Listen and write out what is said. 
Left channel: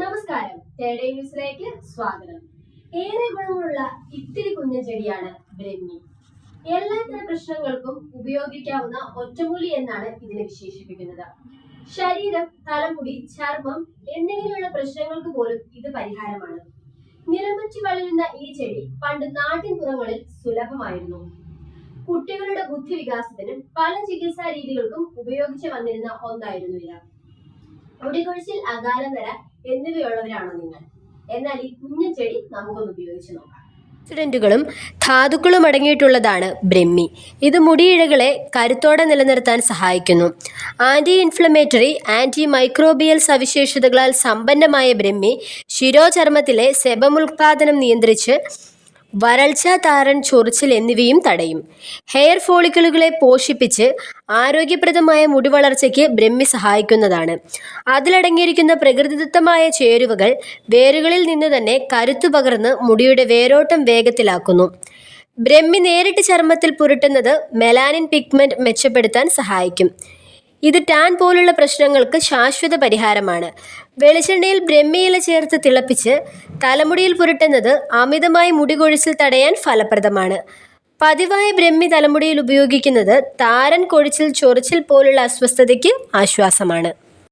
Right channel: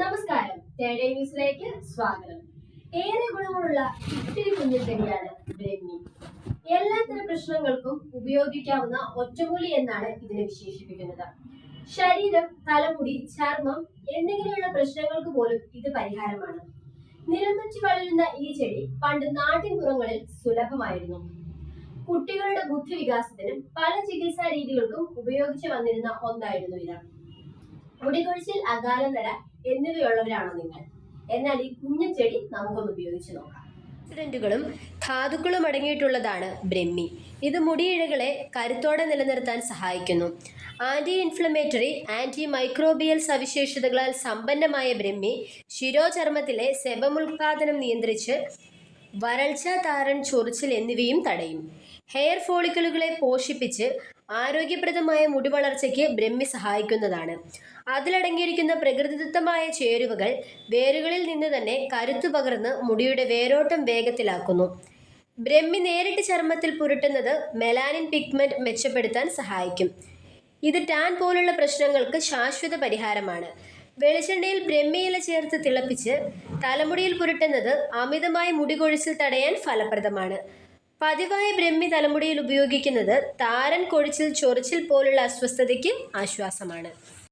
നമസ്കാരം. തേടേ ന്യൂസിലേക്ക് സ്വാഗതം. ഏറെ ഗുണമുള്ള ഇത്തിരി കുഞ്ഞു ചെടിയാണ് ബ്രഹ്മി എല്ലാ എല്ലാത്തരം പ്രശ്നങ്ങൾക്കും ഉപയോഗിക്കാവുന്ന ഒറ്റമൂലി എന്നാണ് ഇതിനെ വിശേഷിപ്പിക്കുന്നത്. ശരീരം തലമുടി ചർമ്മം എന്നിങ്ങനെയുള്ള പ്രശ്നങ്ങൾക്ക് പോലും ഇത് പരിഹാരമാണ്. നിലംപറ്റി വളരുന്ന ഈ ചെടി പണ്ട് നാട്ടിൻപുറങ്ങളിൽ സുലഭമായിരുന്നു. കുട്ടികളുടെ ബുദ്ധി വികാസത്തിനും പല ചികിത്സാ രീതികൾക്കും ഉപയോഗിച്ചു വന്നിരുന്ന ഒന്നായിരുന്നു ഇത് മുടികൊഴിച്ചിൽ അകാലനര എന്നിവയുള്ളവരാണോ നിങ്ങൾ? എന്നാൽ ഈ കുഞ്ഞു ചെടി നമുക്കൊന്ന് ഉപയോഗിച്ച് നോക്കാം ും. ധാതുക്കളും അടങ്ങിയിട്ടുള്ളതാണ് ബ്രഹ്മി. ഇത് മുടിയിഴകളെ കരുത്തോടെ നിലനിർത്താൻ സഹായിക്കുന്നു. ആന്റി ഇൻഫ്ലമേറ്ററി ആന്റി മൈക്രോബിയൽ സവിശേഷതകളാൽ സമ്പന്നമായ ബ്രഹ്മി ശിരോചർമ്മത്തിലെ സെബമുൽപാദനം നിയന്ത്രിച്ച് വരൾച്ച താരൻ ചൊറിച്ചിൽ എന്നിവയും തടയും. ഹെയർ ഫോളിക്കിളുകളെ പോഷിപ്പിച്ച് ആരോഗ്യപ്രദമായ മുടി വളർച്ചയ്ക്ക് ബ്രഹ്മി സഹായിക്കുന്നതാണ്. അതിലടങ്ങിയിരിക്കുന്ന പ്രകൃതിദത്തമായ ചേരുവകൾ വേരുകളിൽ നിന്ന് തന്നെ കരുത്തു പകർന്ന് മുടിയുടെ വേരോട്ടം വേഗത്തിലാക്കുന്നു. ബ്രഹ്മി നേരിട്ട് ചർമ്മത്തിൽ പുരട്ടുന്നത് മെലാനിൻ പിഗ്മെന്റ് മെച്ചപ്പെടുത്താൻ സഹായിക്കും. ഇത് ടാൻ പോലുള്ള പ്രശ്നങ്ങൾക്ക് ശാശ്വത പരിഹാരമാണ്. വെളിച്ചെണ്ണയിൽ ബ്രഹ്മിയില ചേർത്ത് തിളപ്പിച്ച് തലമുടിയിൽ പുരട്ടുന്നത് അമിതമായി മുടികൊഴിച്ചിൽ തടയാൻ ഫലപ്രദമാണ്. പതിവായി ബ്രഹ്മി തലമുടിയിൽ ഉപയോഗിക്കുന്നത് താരൻ കൊഴിച്ചിൽ ചൊറിച്ചിൽ പോലുള്ള അസ്വസ്ഥതയ്ക്ക് ആശ്വാസമാണ്.